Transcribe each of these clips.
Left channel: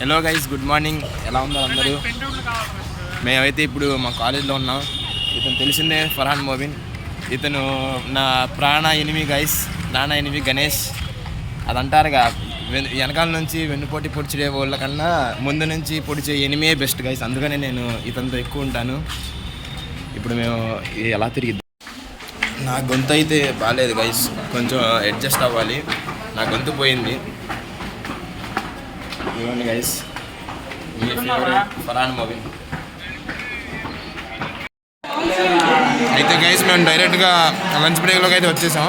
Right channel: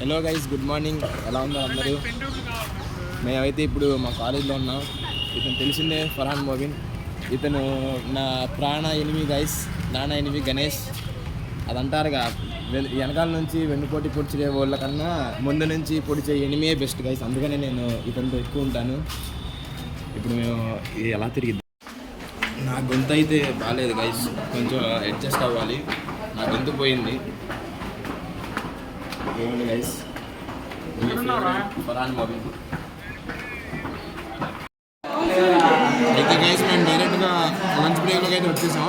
Hello guys, good morning. ఎలా ఉన్నారు అందరూ? మేమైతే ఇప్పుడు మా కాలేజ్లో ఉన్నాం. ఇతను తెలిసిందే, ఫర్హాన్ మోబిన్. ఇతను నా ప్రాణ ఎనిమి గైస్, నాన్న ఎనిమి గణేష్. అదంటారుగా, వెనకాల నుంచి వెన్నుపోటీ పొడిచే వాళ్ళ కన్నా ముందు నుంచి పొడిచే ఎనిమియే బెస్ట్ గైస్. అందుకనే నేను ఇతనితో ఎక్కువ ఉంటాను. ఇప్పుడు మేము ఎలా తిరిగి, నా గొంతు అయితే బాగాలేదు గైస్, కొంచెం అడ్జస్ట్ అవ్వాలి. నా గొంతు పోయింది. ఇవ్వండి గైస్, ఫర్హాన్ మోబిన్. అయితే గైస్ మేము డైరెక్ట్గా లంచ్ బ్రేక్లోకి అయితే వచ్చేసాం.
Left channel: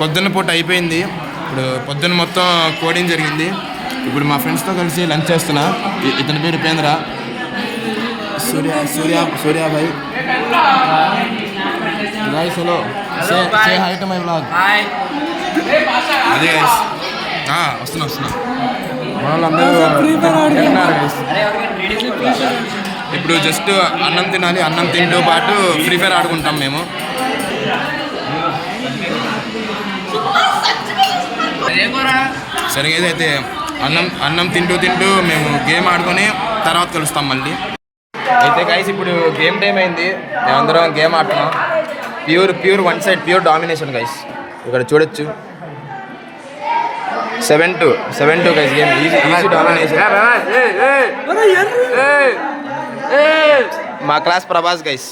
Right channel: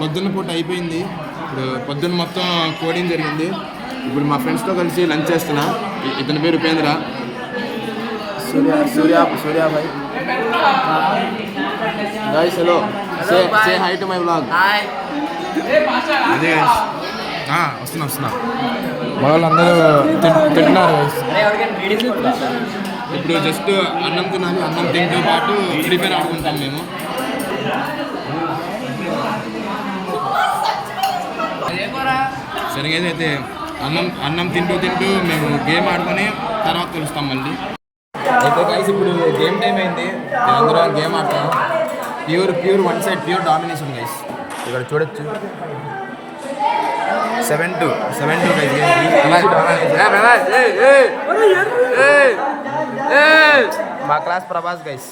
పొద్దున్న పూట అయిపోయింది. ఇప్పుడు పొద్దున్న మొత్తం కోడింగ్ జరిగింది. ఇప్పుడు మా ఫ్రెండ్స్తో కలిసి లంచ్ చేస్తున్నా. ఇతని పేరు Upendra. Suryabhai guys. Hello, say high to my vlog. అదే గైస్, వస్తున్నా. ఇప్పుడు జస్ట్ అన్నం తినాలి. అన్నం తింటూ పాటు ఫ్రీ ఫైర్ ఆడుకుంటాం మేము. సరిగా అయితే అన్నం తింటూ మేము గేమ్ ఆడుకొని తర్వాత కలుస్తాం మళ్ళీ. అయితే గైస్, ఇప్పుడు గేమ్ టైం అయింది. అందరం గేమ్ ఆడుతున్నాం. Pure one side, pure domination guys. ఇక్కడ చూడొచ్చు, 7-2 గైస్. మా క్లాస్ ప్రభాస్ గైస్.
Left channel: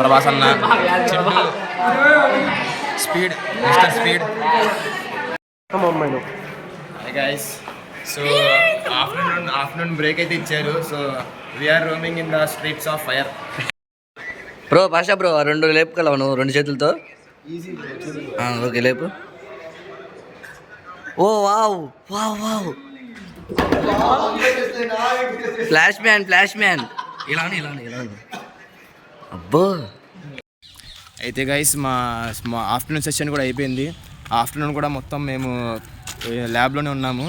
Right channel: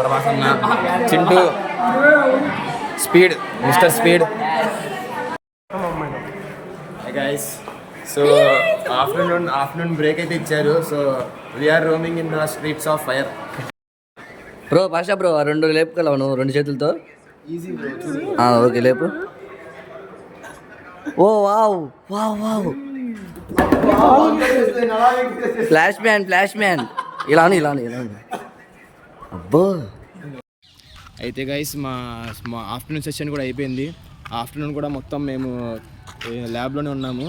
ప్రభాస్ అన్న, Chintu, speed, mister speed. Guys, so afternoon break అయితే ఇచ్చారు. So we are roaming in the streets of fire. Bro Pasha bro, 2 లేపుకెళ్ళావు నువ్వు 2 చేతులతో. Easy bro. ఓకే, లేపు. Oh wow wow wow, flash man. ఇలా అబ్బో. అయితే గైస్, మా ఆఫ్టర్నూన్ సెషన్ కూడా అయిపోయింది. ఆఫ్టర్నూన్ కూడా మొత్తం మేము ల్యాబ్లోనే ఉన్నాము.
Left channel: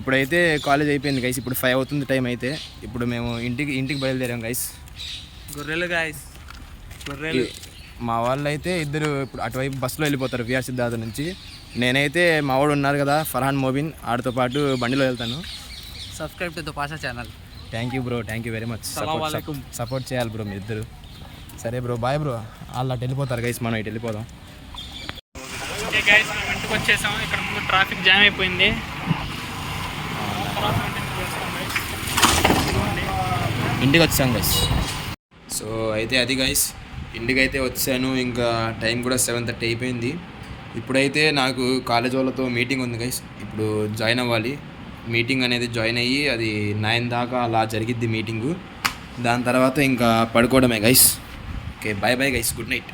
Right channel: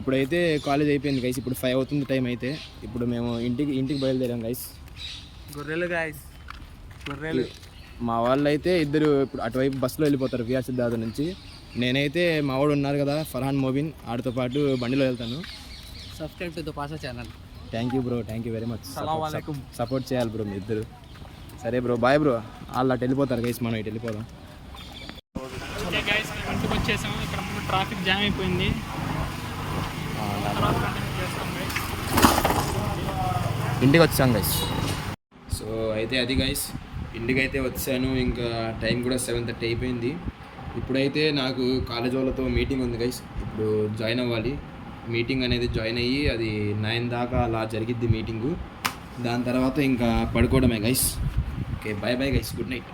ఇప్పుడైతే కాలేజ్ అయిపోయింది గైస్. ఇప్పుడు 5 అవుతుంది టైం. అయితే ఇప్పుడు మేము ఇంటికి బయలుదేరాం గైస్. గొర్రెలు. మా వాళ్ళు అయితే ఇద్దరు ఇప్పుడు అటువైపు బస్సులో వెళ్ళిపోతారు, విఆర్ సిద్ధార్థ నుంచి. నేనైతే మా వాడు ఉన్నారు కదా, ఫర్హాన్ మోబిన్, ఆడితో పాటు బండిలో వెళ్తాను. Subscribe to the Pasha channel. Thank you bro, thank you very much. Support చేయాలి బ్రో మీ ఇద్దరు. సరే బ్రో, బాయ్ బ్రో. వాళ్ళు అటు వెళ్ళిపోతారు గైస్, మనం ఇటు వెళ్ళిపోదాం. ఓకే గైస్, మేము ఇంటికి వచ్చేసాం. ఇక్కడ ముందు ట్రాఫిక్ జామ్ అయిపోయింది. తర్వాత కంటిన్యూ చేస్తాం గైస్. ఇంటికి వచ్చాం గైస్. సో అయితే అది గైస్, ఇంటికి అయితే వచ్చాను. ఇంకా టైం కూడా 7:30 అయిపోయింది. ఇప్పుడైతే నాకు కాలేజ్ వాళ్ళతో మీటింగ్ ఉంది గైస్. ఇప్పుడు జాయిన్ అవ్వాలి. మీటింగ్ అనేది జాయిన్ అయ్యి అది 9 దాకా అలా జరిగిద్ది మీటింగు. దాని తర్వాత ఇంకా పడుకోవడమే guys. Okay, bye guys, good night.